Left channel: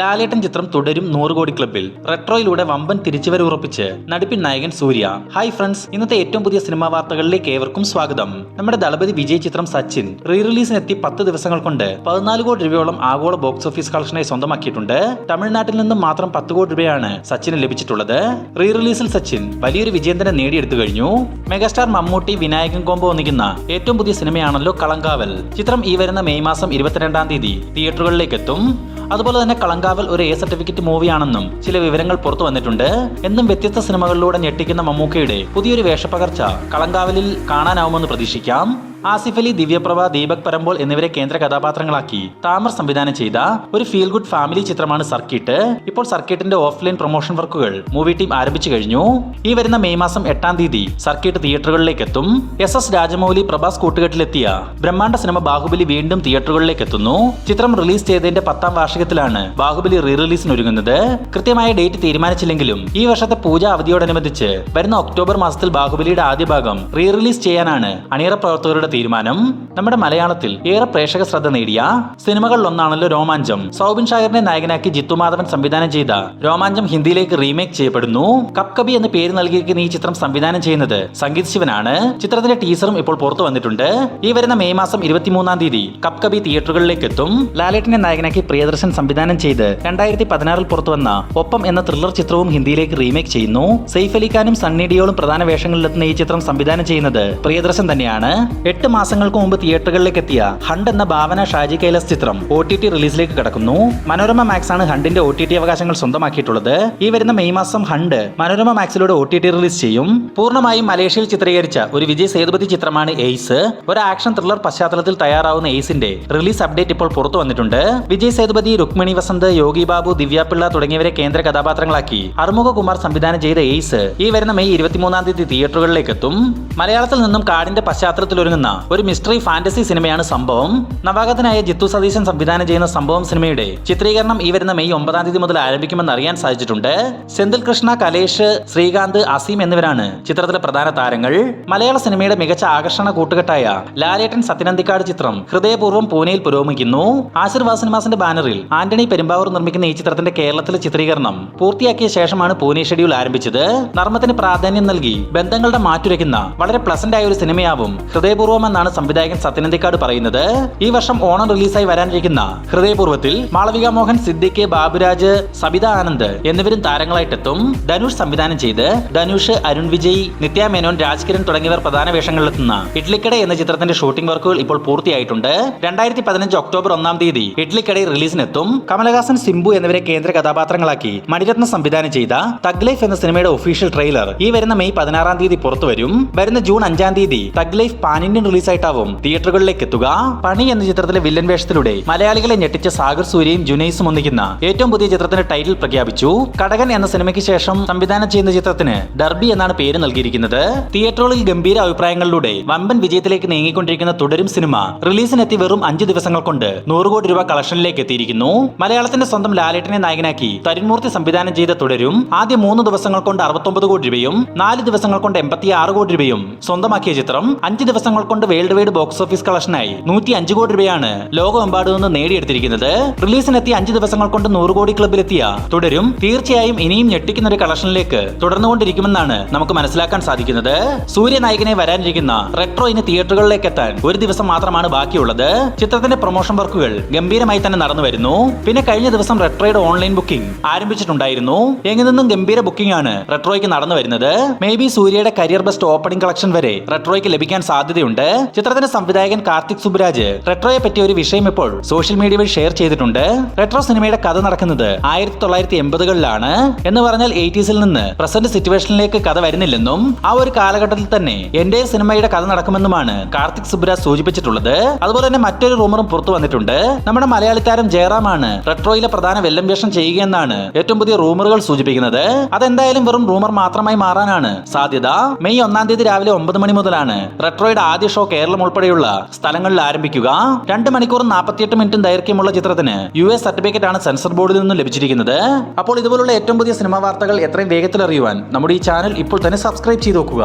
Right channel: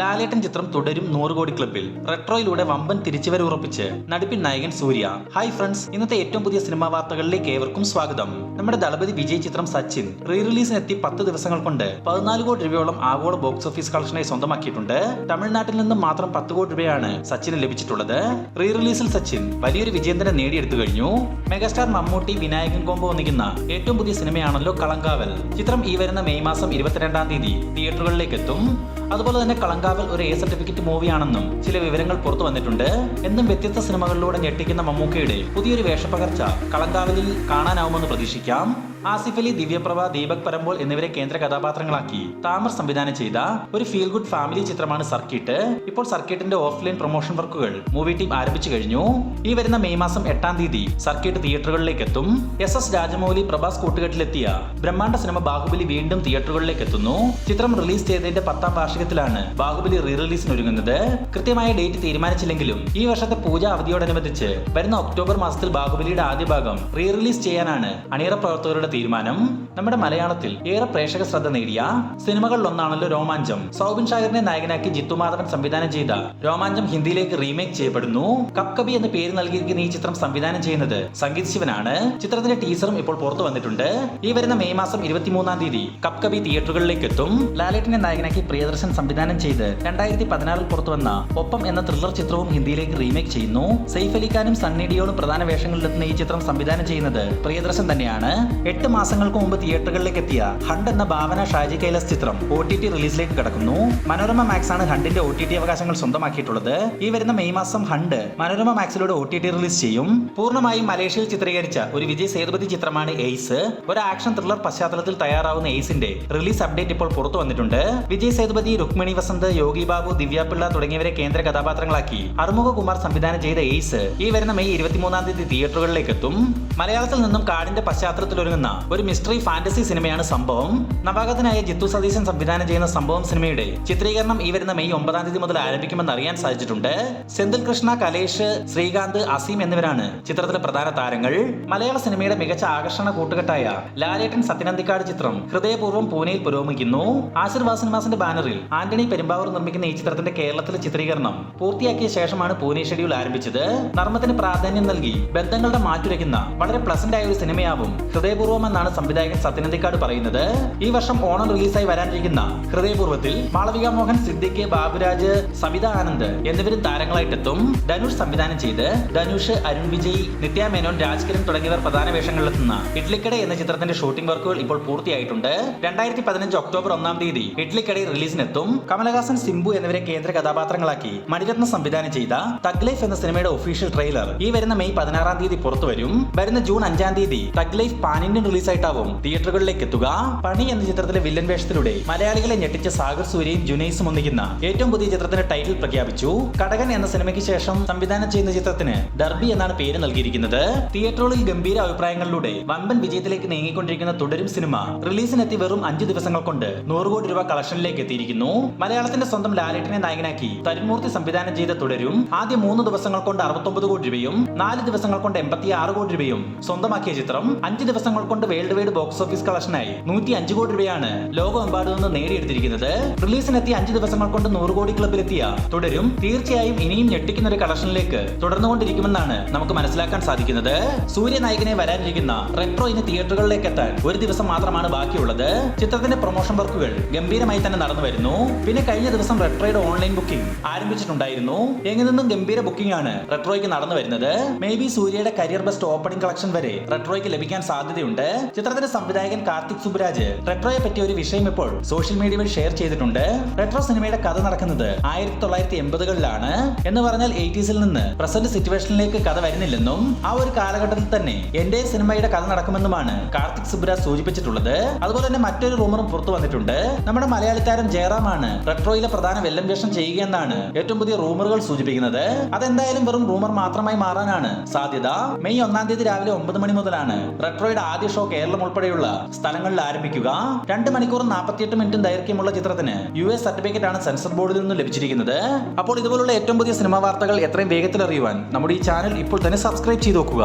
ലാലേട്ടൻ ചിത്രം തുടരും 100 കോടി ക്ലബിൽ. റെട്രോയിലൂടെ വമ്പൻ തിരിച്ചുവരവ് ഉറപ്പിച്ച് നടിപ്പിൻ നായകൻ സൂര്യ. ഹായ് ഫ്രണ്ട്സ്, ഇന്നത്തെ ഏറ്റവും പുതിയ സിനിമാ വാർത്തകളിലേക്ക് ഏവർക്കും സ്വാഗതം. നമ്മുടെ ദളപതി വിജയ് ചിത്രം സച്ചിൻ റീ റിലീസിനെത്തി 10 ദിവസങ്ങൾ കൊണ്ട് 14 കോടി രൂപയോളം ആഗോള ബോക്സ് ഓഫീസ് കളക്ഷനായി സ്വന്തമാക്കിയിട്ടുണ്ട്. തമിഴ്നാട്ടിൽ നിന്നും മാത്രം 10 കോടി രൂപയാണ് സച്ചിന് ലഭിച്ചിട്ടുള്ളത്. റീ റിലീസിൽ സച്ചിൻ വലിയൊരു വിജയം തന്നെ നേടിയെടുത്തു കഴിഞ്ഞു. മെഗാസ്റ്റാർ മമ്മൂട്ടി വിനായകൻ കോംബോ ഒന്നിക്കുന്ന ഏറ്റവും പുതിയ സിനിമയാണല്ലോ കളങ്കാവൽ. ചിത്രം ഈ വരുന്ന മെയ് മാസം 22-ാം തീയതി തിയേറ്ററുകളിലേക്ക് എത്തും. അതുപോലെ തന്നെ കളങ്കാവൽ ഒരു എ സർട്ടിഫിക്കറ്റ് മൂവിയാണെന്നും ചില വിവരങ്ങൾ പുറത്തു വന്നിട്ടുണ്ട്. എന്നും വ്യത്യസ്ത സിനിമകളിലൂടെ ഞെട്ടിക്കുന്ന മമ്മൂക്കയുടെ പുതിയൊരു വേഷപ്പകർച്ച കളങ്കാവലിൽ കാണാനാവുമെന്ന് പ്രതീക്ഷിക്കാം. ആസിഫ് അലി, ദിവ്യപ്രഭ, ദീപക് പരമ്പോൾ എന്നിവരെ കേന്ദ്ര കഥാപാത്രങ്ങളാക്കി താമർ സംവിധാനം ചെയ്ത ഒരു ഫീൽ ഗുഡ് ഫാമിലി ചിത്രമാണ് സർക്കിട്ട്. ഇപ്പോൾ സർക്കിട്ടിന്റെ ഓഫ്ലൈൻ പ്രൊമോഷൻ വർക്കുകൾ മൂവി ടീം ആരംഭിച്ചു കഴിഞ്ഞു. ഈ വരുന്ന മെയ് മാസം 8-ാം തീയതി സർക്കിട്ട് തിയേറ്ററുകളിലേക്ക് എത്തും. SS രാജമൗലി, പ്രഭാസ് കൂട്ടുകെട്ടിലെത്തിയ ബ്രഹ്മാണ്ഡ സിനിമ ബാഹുബലി വീണ്ടും തിയേറ്ററുകളിലേക്ക് എത്തുന്നു. ചിത്രം റിലീസ് ചെയ്തതിന്റെ 10-ാം വാർഷികത്തിലാണ് ബാഹുബലി റീ റിലീസിന് ഒരുങ്ങുന്നത്. കൃത്യമായ ഡേറ്റ് തീരുമാനിച്ചില്ലെങ്കിലും ഈ വർഷത്തെ പൂജ അവധിയോടനുബന്ധിച്ച് വരുന്ന ഒക്ടോബർ മാസത്തിൽ ബാഹുബലിയുടെ ആദ്യ ഭാഗം റീ റിലീസ് ചെയ്യാനാണ് അണിയറ പ്രവർത്തകരുടെ തീരുമാനം. നമ്മുടെ മലയാളത്തിൽ ഏറെ പ്രേക്ഷക ശ്രദ്ധ നേടിയ സിനിമകളിലൊന്നാണല്ലോ രോമാഞ്ചം. സൗബിൻ ഷാഹിറിനെ നായകനാക്കി ജിത്തു മാധവൻ സംവിധാനം ചെയ്ത രോമാഞ്ചം ഹിന്ദിയിലേക്ക് റീമേക്ക് ചെയ്യപ്പെടുന്നു. കപ് കബി എന്ന് പേര് നൽകിയിരിക്കുന്ന ഈ ചിത്രം സംവിധാനം ചെയ്യുന്നത് സംഗീത് ശിവനാണ്. ചിത്രത്തിന്റെ ടീസറും ഇപ്പോൾ പുറത്തു വന്നിട്ടുണ്ട്. ഈ വരുന്ന മെയ് മാസം 23-ാം തീയതി കപ് കബി തിയേറ്ററുകളിലേക്ക് എത്തും. ലാലേട്ടനെ നായകനാക്കി പ്രിയദർശൻ സംവിധാനം ചെയ്ത് 2016-ൽ പുറത്തുവന്ന ഒപ്പം എന്ന ത്രില്ലർ ചിത്രവും ഹിന്ദിയിലേക്ക് റീമേക്ക് ചെയ്യുന്നു. സെയ്ഫ് അലി ഖാനും സണ്ണി ഡിയോളും പ്രധാന വേഷങ്ങളിലെത്തുന്ന ഈ ചിത്രം സംവിധാനം ചെയ്യുന്നത് പ്രിയദർശൻ തന്നെയാണ്. 8 മാസങ്ങൾക്ക് മുമ്പ് തിയേറ്ററുകളിലേക്ക് എത്തിയ ഹണ്ട് എന്ന ഭാവന ഷാജി കൈലാസ് ചിത്രം OTT റിലീസിലേക്ക് കടക്കുന്നു. മനോരമ മാക്സ് ആണ് ഹണ്ടിന്റെ OTT അവകാശങ്ങൾ സ്വന്തമാക്കിയിട്ടുള്ളത്. ഈ വരുന്ന മെയ് മാസം ഹണ്ട് മനോരമ മാക്സിലൂടെ OTT റിലീസ് ചെയ്യും. പൂർണ്ണമായും മലേഷ്യയിൽ ചിത്രീകരിച്ച ഒരു വിജയ് സേതുപതി ചിത്രമാണ് എയ്സ്. ഒരു ആക്ഷൻ ത്രില്ലർ പശ്ചാത്തലത്തിൽ തയ്യാറാവുന്ന എയ്സിന്റെ റിലീസ് അപ്ഡേറ്റ് ഇപ്പോൾ പുറത്തു വന്നിട്ടുണ്ട്. വിജയ് സേതുപതി, രുക്മിണി വസന്ത്, യോഗി ബാബു, ദിവ്യപിള്ള തുടങ്ങിയവരെ കേന്ദ്ര കഥാപാത്രങ്ങളാക്കി അറുമുഖ കുമാർ സംവിധാനം ചെയ്ത എയ്സ് ഈ വരുന്ന മെയ് 23-ാം തീയതി തിയേറ്ററുകളിലേക്ക് എത്തും. മലയാളത്തിൽ നിന്നും കാടിന്റെ പശ്ചാത്തലത്തിൽ ഒരുങ്ങുന്ന ഒരു മിസ്റ്ററി ഫാന്റസി സിനിമയാണ് സംഭവം. നവാഗതനായ ജിത്തു സതീശൻ സംവിധാനം ചെയ്യുന്ന സംഭവം സിനിമയുടെ ചിത്രീകരണം ഈ വരുന്ന മെയ് 9-ാം തീയതി മുതൽ ആരംഭിക്കുമെന്ന് അറിയാൻ സാധിച്ചിട്ടുണ്ട്. സെന്തിൽ കൃഷ്ണ, കലേഷ്, ശ്രീകാന്ത്, അസീം എന്നിവരാണ് ചിത്രത്തിലെ പ്രധാന താരങ്ങൾ. മലയാള സിനിമയുടെ മികച്ച ആകർഷണ കൂട്ടുകെട്ടായ ലാലേട്ടൻ സത്യനന്ദിക്കാട് ചിത്രം ഹൃദയപൂർവ്വം പൂനെയിൽ പുരോഗമിക്കുന്നു. ആശീർവാദ് സിനിമാസിന്റെ ബാനറിൽ ആന്റണി പെരുമ്പാവൂർ നിർമ്മിക്കുന്ന ഈ ചിത്രത്തിന്റെ കേരളത്തിലെ ചിത്രീകരണം പൂർത്തിയാക്കിയ ശേഷമാണ് പൂനെ ഷെഡ്യൂൾ ആരംഭിച്ചത്. നർമ്മത്തിന് പ്രാധാന്യം നൽകി ബന്ധങ്ങളുടെ മാറ്റുരയ്ക്കുന്ന വളരെ പ്ലസന്റ് ആയ ഒരു സിനിമയാവും ഹൃദയപൂർവ്വം എന്നാണ് സംവിധായകൻ സത്യനന്ദിക്കാട് പറയുന്നത്. ഈ വർഷം ഓണം റിലീസായി വരാനിരിക്കുന്ന ഹൃദയപൂർവ്വത്തിൽ മാളവിക മോഹൻ, സിദ്ദിഖ്, ബാബുരാജ്, സബിത ആനന്ദ് എന്നിവരും താരങ്ങളായിട്ടെത്തും. ധനുഷ് സംവിധാനം ചെയ്ത് ധനുഷ്, അരുൺ വിജയ്, നിത്യ മേനോൻ, രാജ്കിരൺ തുടങ്ങിയവർ പ്രധാന വേഷങ്ങളിലെത്തുന്ന ഇഡ്ലിക്കട എന്ന ചിത്രത്തിന്റെ ഷൂട്ടിംഗ് വർക്കുകൾ ഇപ്പോൾ പൂർത്തിയായിട്ടുണ്ട്. 2015 ഒക്ടോബർ 1-ാം തീയതി ഇഡ്ലിക്കട റിലീസിനെത്തും. കമലഹാസൻ, സിംബു എന്നിവരെ കേന്ദ്ര കഥാപാത്രങ്ങളാക്കി മണിരത്നം സംവിധാനം ചെയ്ത തഗ് ലൈഫ് എന്ന സിനിമയുടെ ഒഫീഷ്യൽ ട്രെയിലർ ഈ വരുന്ന മെയ് 16-ാം തീയതി പുറത്തുവരും. വരുന്ന ജൂൺ 5-ാം തീയതി തഗ് ലൈഫ് പാൻ ഇന്ത്യൻ റിലീസായിട്ടാവും തിയേറ്ററുകളിലേക്ക് എത്തുക. പണി എന്ന ചിത്രത്തിലെ വില്ലൻ വേഷത്തിലൂടെ മലയാളികളെ ഞെട്ടിച്ച സാഗർ സൂര്യയും ജുനൈസും ഒന്നിക്കുന്ന ഏറ്റവും പുതിയ ചിത്രത്തിന്റെ ടൈറ്റിൽ പ്രഖ്യാപിച്ചു. കടകൻ എന്ന സിനിമയ്ക്ക് ശേഷം സംവിധാനം ചെയ്യുന്ന ചിത്രത്തിന് ഡർബി എന്നാണ് പേര് നൽകിയിരിക്കുന്നത്. തിയേറ്ററുകളിൽ ഗംഭീര അഭിപ്രായങ്ങളിലൂടെ വമ്പൻ വിജയത്തിലേക്ക് നീങ്ങിക്കൊണ്ടിരിക്കുന്ന തുടരും സിനിമ റിലീസിനെത്തി വെറും 5 ദിവസങ്ങൾ കൊണ്ട് 100 കോടി രൂപ കളക്ഷനിലേക്ക് എത്തിയിരിക്കുന്നു. മലയാളത്തിന്റെ സ്വന്തം ലാലേട്ടനെ നായകനാക്കി തരുൺമൂർത്തി സംവിധാനം ചെയ്ത തുടരും ആദ്യ 3 ദിവസങ്ങൾ കൊണ്ട് 69 കോടി രൂപയും 4 ദിവസങ്ങൾ കൊണ്ട് 86 കോടി രൂപയും സ്വന്തമാക്കിയ ചിത്രം 5 ദിവസങ്ങൾ കൊണ്ട് വേൾഡ് വൈഡ് ബോക്സ് ഓഫീസ് കളക്ഷനായി 105 കോടി രൂപയാണ് ലോകമെമ്പാടും നിന്ന് നേടിയെടുത്തിരിക്കുന്നത്. റിലീസിനെത്തി 5 ദിവസങ്ങൾ കൊണ്ട് 100 കോടി ക്ലബിലെത്തിയ തുടരും തീർച്ചയായും ഇനിയും ഞെട്ടിക്കുന്ന ഒരു കളക്ഷനിലേക്ക് തുടർന്നുകൊണ്ടിരിക്കുമെന്നാണ് നമുക്ക് മനസ്സിലാക്കാൻ സാധിക്കുന്നത്. സൂര്യ നായകനെ വരാനിരിക്കുന്ന റെട്രോ ഇനി തിയേറ്ററുകളിലേക്ക് എത്താൻ ഒരു ദിവസം മാത്രമാണ് ബാക്കിയുള്ളത്. ചിത്രത്തിന്റെ പ്രൊമോഷൻ വർക്കുകൾ ഗംഭീരമായി തന്നെ നടന്നു വരുന്നു. പിന്നെ കഴിഞ്ഞ ദിവസം റെട്രോയുടെ ഓൺലൈൻ ബുക്കിംഗ് ആരംഭിച്ചിട്ടുണ്ടായിരുന്നു. എങ്ങു നിന്നും ഗംഭീര ബുക്കിംഗ് ആണ് റെട്രോയ്ക്ക് നടന്നു വരുന്നത്. മേ ബി സൂര്യയുടെ കരിയർ ബെസ്റ്റ് ഓപ്പണിംഗ് കളക്ഷൻ വരെ റെട്രോയ്ക്ക് ലഭിക്കാൻ സാധ്യതയുണ്ട്. ചിത്രത്തിന്റെ സംവിധായകൻ കാർത്തിക് സുബ്രാജ് റെട്രോയെ പറ്റിയ ഒരു വിഷയം ഇപ്പോൾ സോഷ്യൽ മീഡിയ വഴി ഷെയർ ചെയ്തിട്ടുണ്ട്. റെട്രോ സിനിമയുടെ കഥ നടക്കുന്നത് 1980-കളിലാണ് എന്ന് പറഞ്ഞാൽ 80s-ൽ നിന്ന് പ്രസന്റ് സിറ്റുവേഷനിലേക്ക് കഥ വരുന്നില്ലെന്നും ആ ഒരു കാലഘട്ടത്തിൽ തന്നെ എന്റെ സിനിമയുടെ കഥ നടക്കുമെന്നുമാണ് കാർത്തിക് സുബ്രാജ് സൂചിപ്പിച്ചിട്ടുള്ളത്. അതുപോലെ തന്നെ മറ്റൊരു റൂമറും പുറത്തു വന്നിട്ടുണ്ട്. നമ്മുടെ മലയാളി താരം ജയറാമാണ് റെട്രോയിലെ പ്രധാന വെല്ലം വേഷം ചെയ്യുകയെന്നാണ് ഏറ്റവും പുതിയ റൂമറുകൾ സൂചിപ്പിക്കുന്നത്. അതെന്തായാലും വെറും റൂമർ മാത്രമായി മാറാനാണ് സാധ്യത. മെയ് 1-ാം തീയതി രാവിലെ 9 മണി മുതലാണ് റെട്രോയുടെ ആദ്യ ഷോ കേരളം ഉൾപ്പെടെയുള്ള സ്ഥലങ്ങളിൽ ആരംഭിക്കുക. 2 മണിക്കൂറും 48 മിനിറ്റും ദൈർഘ്യമുള്ള ചിത്രത്തിന് US സർട്ടിഫിക്കറ്റ് ആണ് സെൻസർ ബോർഡിൽ നിന്നും ലഭിച്ചിരിക്കുന്നത്. അപ്പോൾ ഇതുപോലുള്ള ഏറ്റവും പുതിയ സിനിമാ വാർത്തകൾ എത്രയും വേഗത്തിൽ അറിയുവാൻ നമ്മുടെ ഈ ചാനൽ ഇപ്പോൾ തന്നെ സബ്സ്ക്രൈബ് ചെയ്ത് നോക്കുക.